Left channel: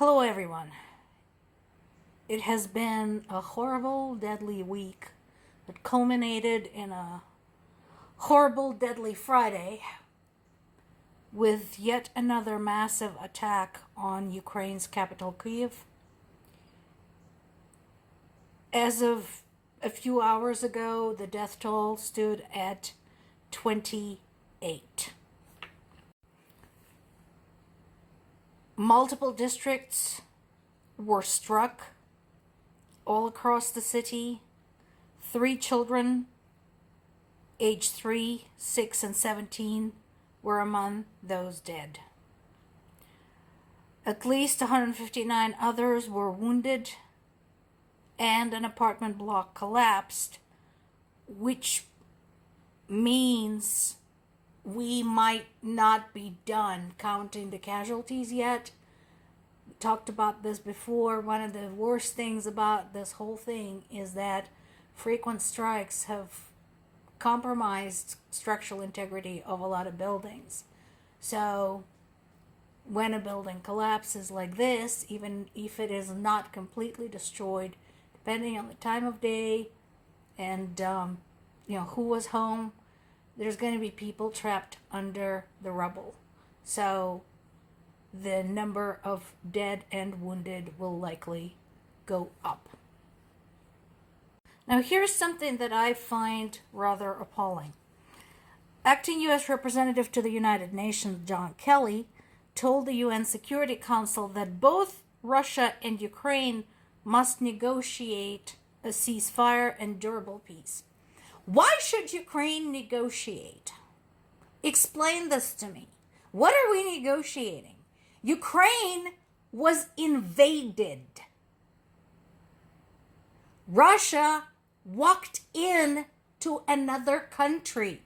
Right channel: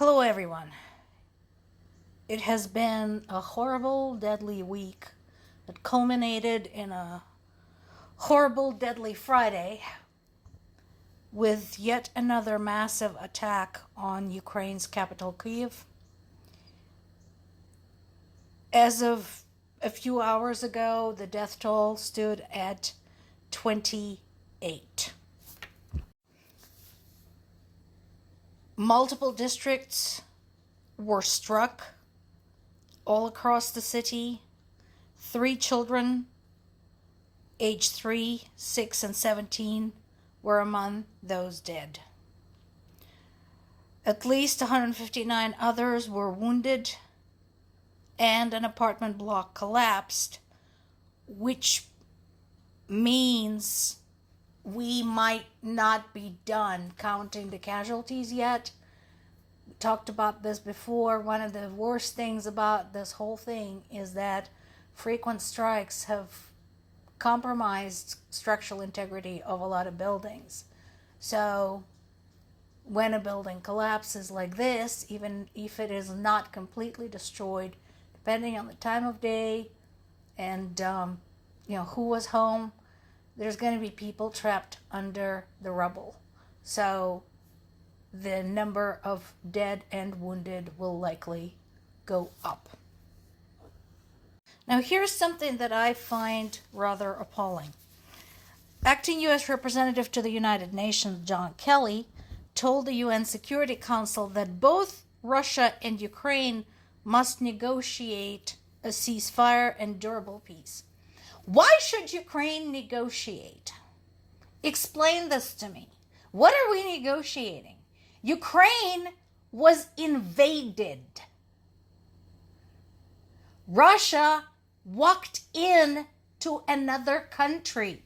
Hello, everyone. It has been a horrible, deadly week that culminated in a horrible, deadly Friday with yet another massive attack on Ukraine's capital, Kyiv. As of a few hours ago, the death toll stood at 28. Multiple districts were struck all across the city. 3 children, aged 3, 6, and 17, were among those dead. At least 159 others were wounded, and an apartment block collapsed, which means we might not be done counting the casualties yet. We talked about this before. One of the worst things about this whole thing is that frequent strikes have compromised structural integrity of a lot of buildings. So when a building collapses like this, even if it is not completely destroyed, depending on the time of day and who was home, there's going to be people trapped under the rubble. So the number of dead and wounded will likely go up. Now, here's something that I find rather appalling. Acting U.S. Representative to the United Nations, John Kelly, told the UN Security Council that both Russia and Ukraine must negotiate a ceasefire and durable peace. Why should Ukraine negotiate? Explain this to me. What are we negotiating? Ukraine was invaded. Russia walked in to another country.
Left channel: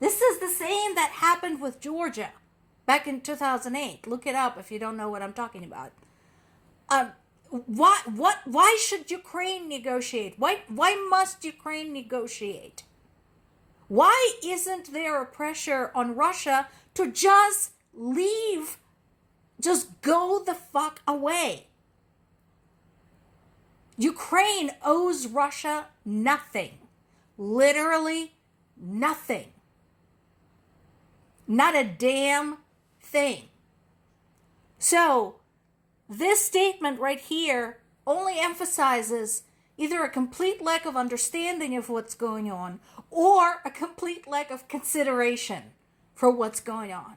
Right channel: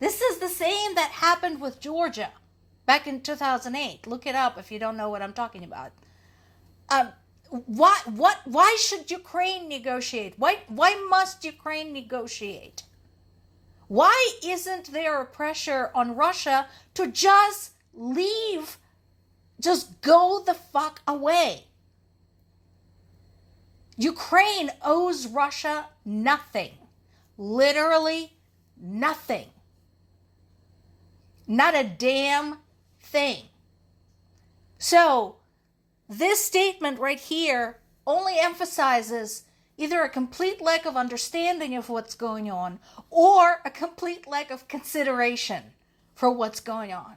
This is the same that happened with Georgia back in 2008. Look it up if you don't know what I'm talking about. Why should Ukraine negotiate? Why must Ukraine negotiate? Why isn't there a pressure on Russia to just leave, just go the fuck away? Ukraine owes Russia nothing. Literally nothing. Not a damn thing. So, this statement right here only emphasizes either a complete lack of understanding of what's going on or a complete lack of consideration for what's going on.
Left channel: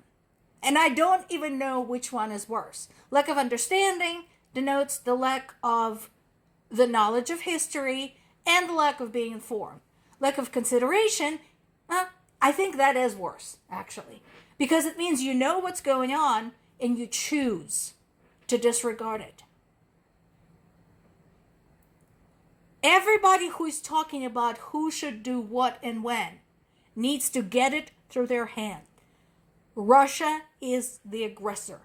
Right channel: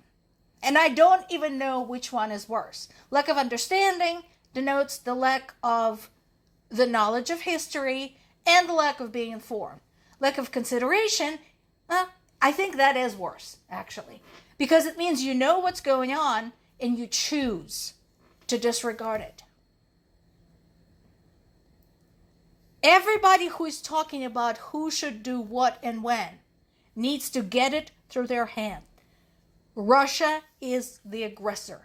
And I don't even know which one is worse. Lack of understanding denotes the lack of the knowledge of history and the lack of being informed. Lack of consideration, I think that is worse, actually. Because it means you know what's going on and you choose to disregard it. Everybody who is talking about who should do what and when needs to get it through their hand. Russia is the aggressor.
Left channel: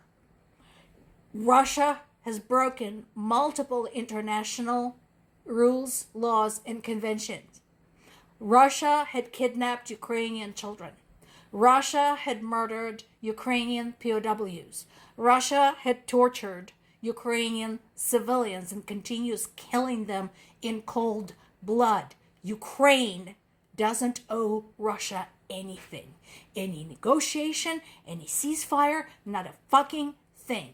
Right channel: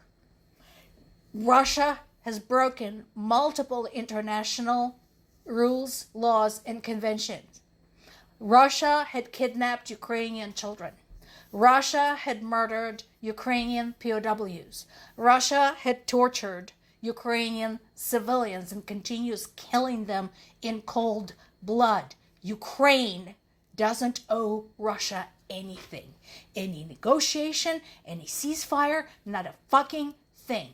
Russia has broken multiple international rules, laws, and conventions. Russia had kidnapped Ukrainian children. Russia had murdered Ukrainian POWs. Russia had tortured Ukrainian civilians and continues killing them in cold blood. Ukraine doesn't owe Russia anything. Any negotiation, any ceasefire, not a fucking thing.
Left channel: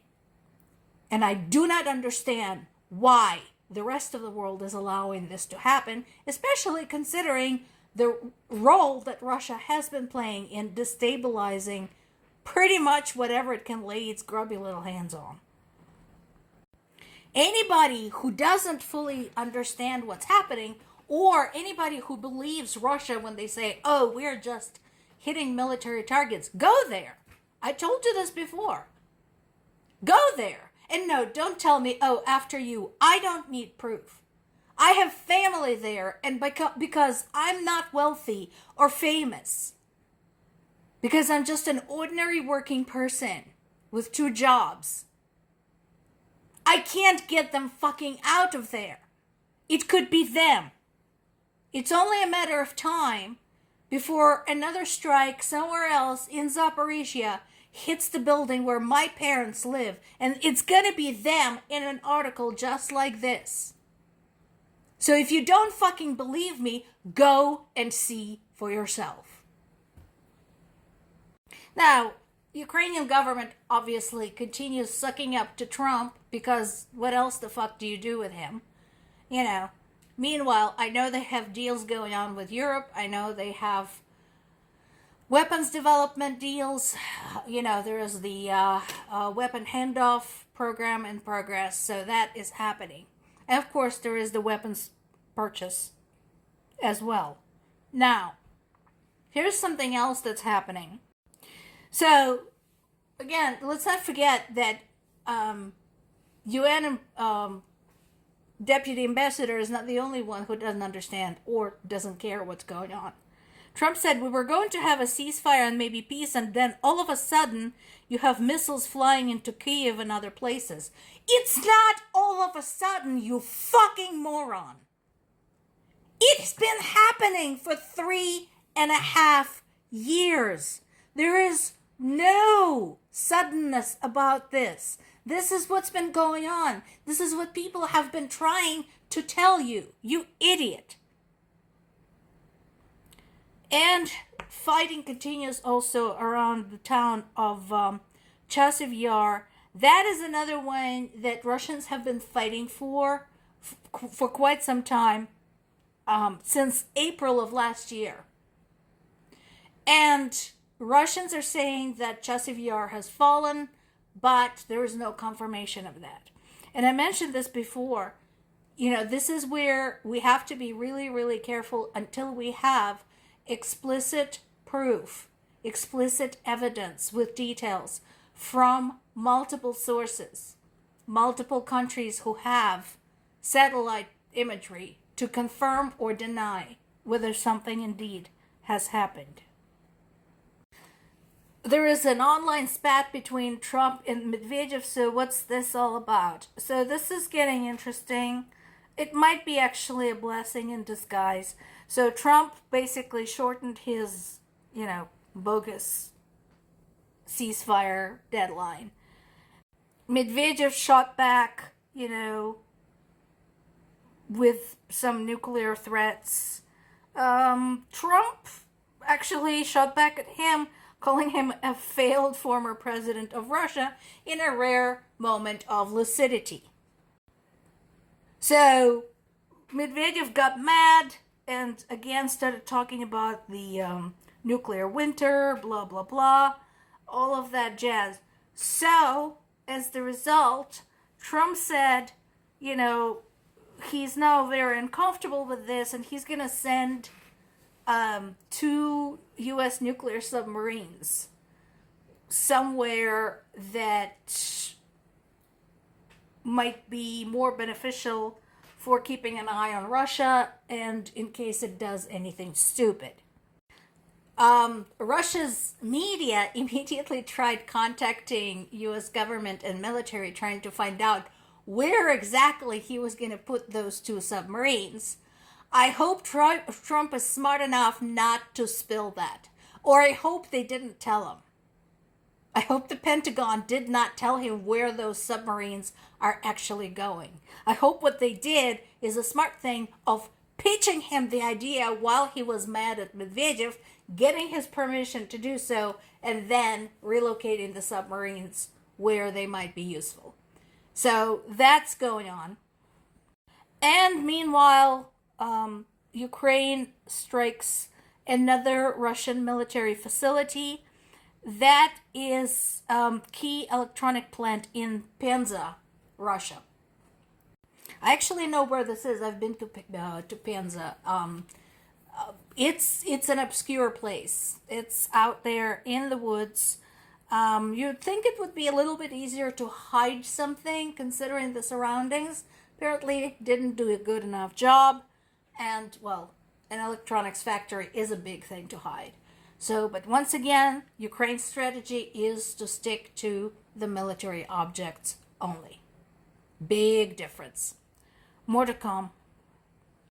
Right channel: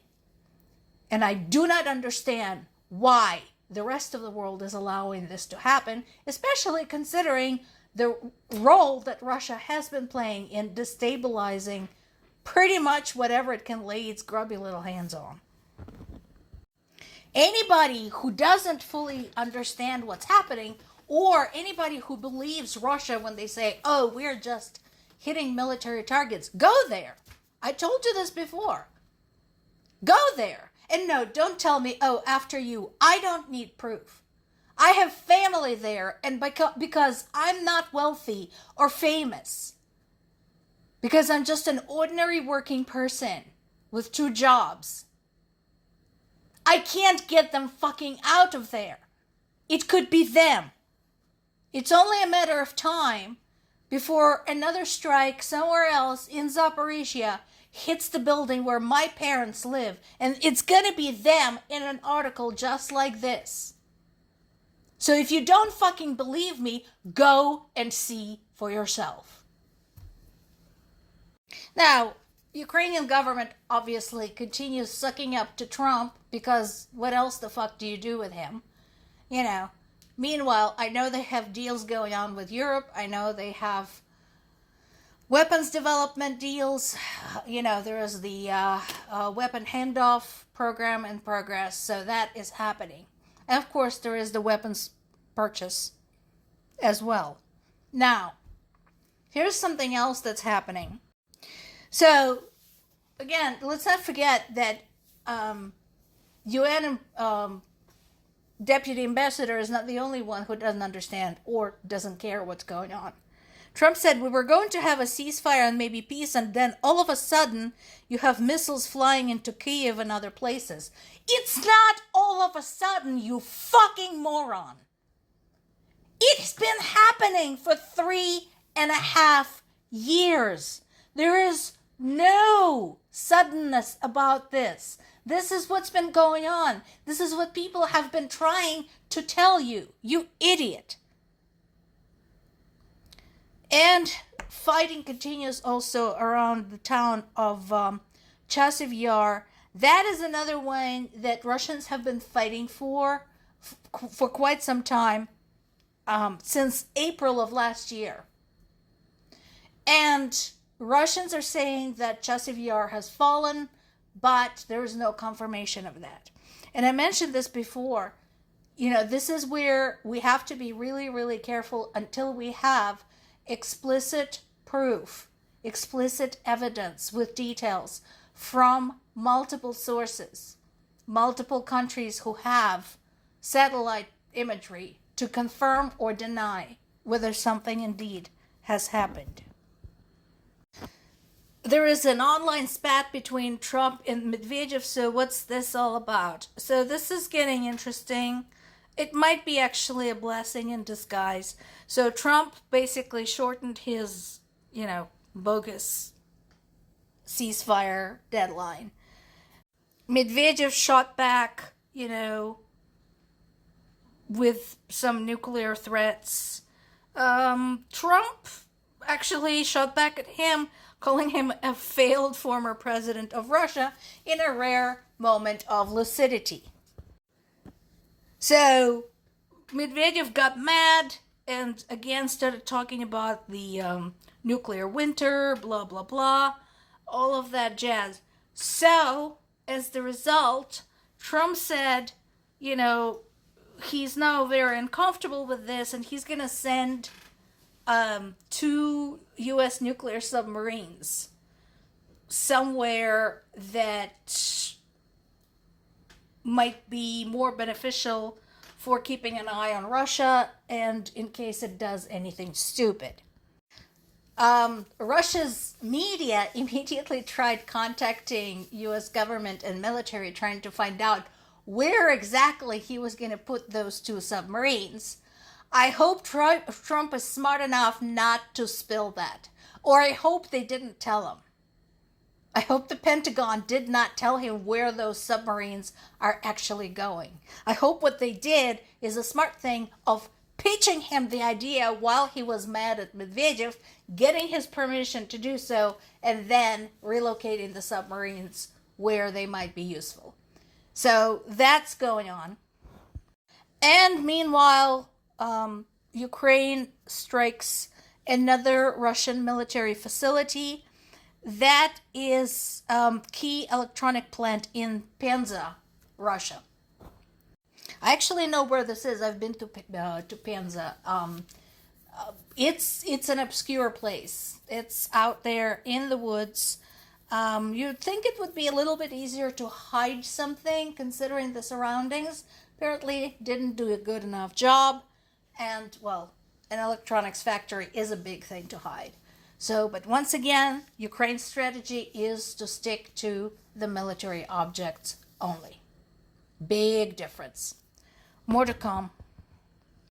And I do not understand why the rest of the world is allowing this to happen, especially considering the role that Russia has been playing in destabilizing pretty much whatever it can lay its grubby little hands on. Anybody who doesn't fully understand what's happening, or anybody who believes Russia when they say, oh, we're just hitting military targets, go there. I told you this before. Go there. And no, don't tell me, oh, after you. I don't need proof. I have family there, and because I'm not wealthy or famous, because I'm just an ordinary working person with 2 jobs, I can't get them fucking out of there. It could be them. It's only a matter of time before another strike somewhere else in Zaporizhia hits the building where my parents live, and it's gonna be them in an article just like this. So if you don't fucking believe me, go and see for yourself. Now, Ukrainian government obviously continues sucking up to Trump, because what else the fuck do you do with him? You know. Meanwhile, I know they have deals going on with Europe. I know they have weapons development deals. You know, there is the weapon handoff program in progress, so that is happening. And of course, there is the weapons purchase as well. Now, here's something else that's happening. So, again, let's not forget that UN Deputy Ambassador is not the only one who doesn't understand or doesn't care what's going on. Trump said we were going to have a ceasefire and maybe peace, and then all of a sudden you have missiles flying into Kyiv and other places. It's not all of a sudden, you fucking moron. It's been happening for 3.5 years. There is no suddenness about this. This is what's been going on. This is what people have been trying to tell you, you idiot. And fighting continues also around the town of Chasiv Yar. That is another one that Russians have been fighting for quite some time, since April of last year. And Russians are saying that Chasiv Yar has fallen, but there is no confirmation of that. And I mentioned this before. You know, this is where we have to be really, really careful until we have explicit proof, explicit evidence with details from multiple sources, multiple countries who have satellite imagery to confirm or deny whether something indeed has happened. There is an online spat between Trump and Medvedev, so what's this all about? So this is getting interesting. It might be actually a blessing in disguise. So Trump basically shortened his, bogus ceasefire deadline. Medvedev shot back, with some nuclear threats. Trump actually shot back at him, calling him a failed former president of Russia in a rare moment of lucidity. So Medvedev got mad and again started talking about the nuclear winter, blah, blah, blah, all of that jazz. So, as the result, Trump said, he's now very uncomfortable with this and he's going to send 2 U.S. nuclear submarines somewhere that might be more beneficial for keeping an eye on Russia and in case it does anything stupid. Russia's media immediately tried contacting U.S. government and military trying to find out where exactly he was going to put those 2 submarines. I hope Trump is smart enough not to spill that. Or I hope they didn't tell him. I hope the Pentagon did not tell him where those submarines are actually going. I hope what they did is a smart thing of pitching him the idea while he was mad at Medvedev, getting his permission to do so, and then relocating the submarines where they might be useful. So that's going on. And meanwhile, Ukraine strikes another Russian military facility. That is key electronic plant in Penza, Russia. I actually know where this is. I've been to Penza. It's an obscure place. It's out there in the woods. You'd think it would be a little bit easier to hide something considering the surroundings. Apparently didn't do a good enough job. And, well, an electronics factory is a big thing to hide. So, but once again, Ukraine's strategy is to stick to the military objects only. Big difference. More to come.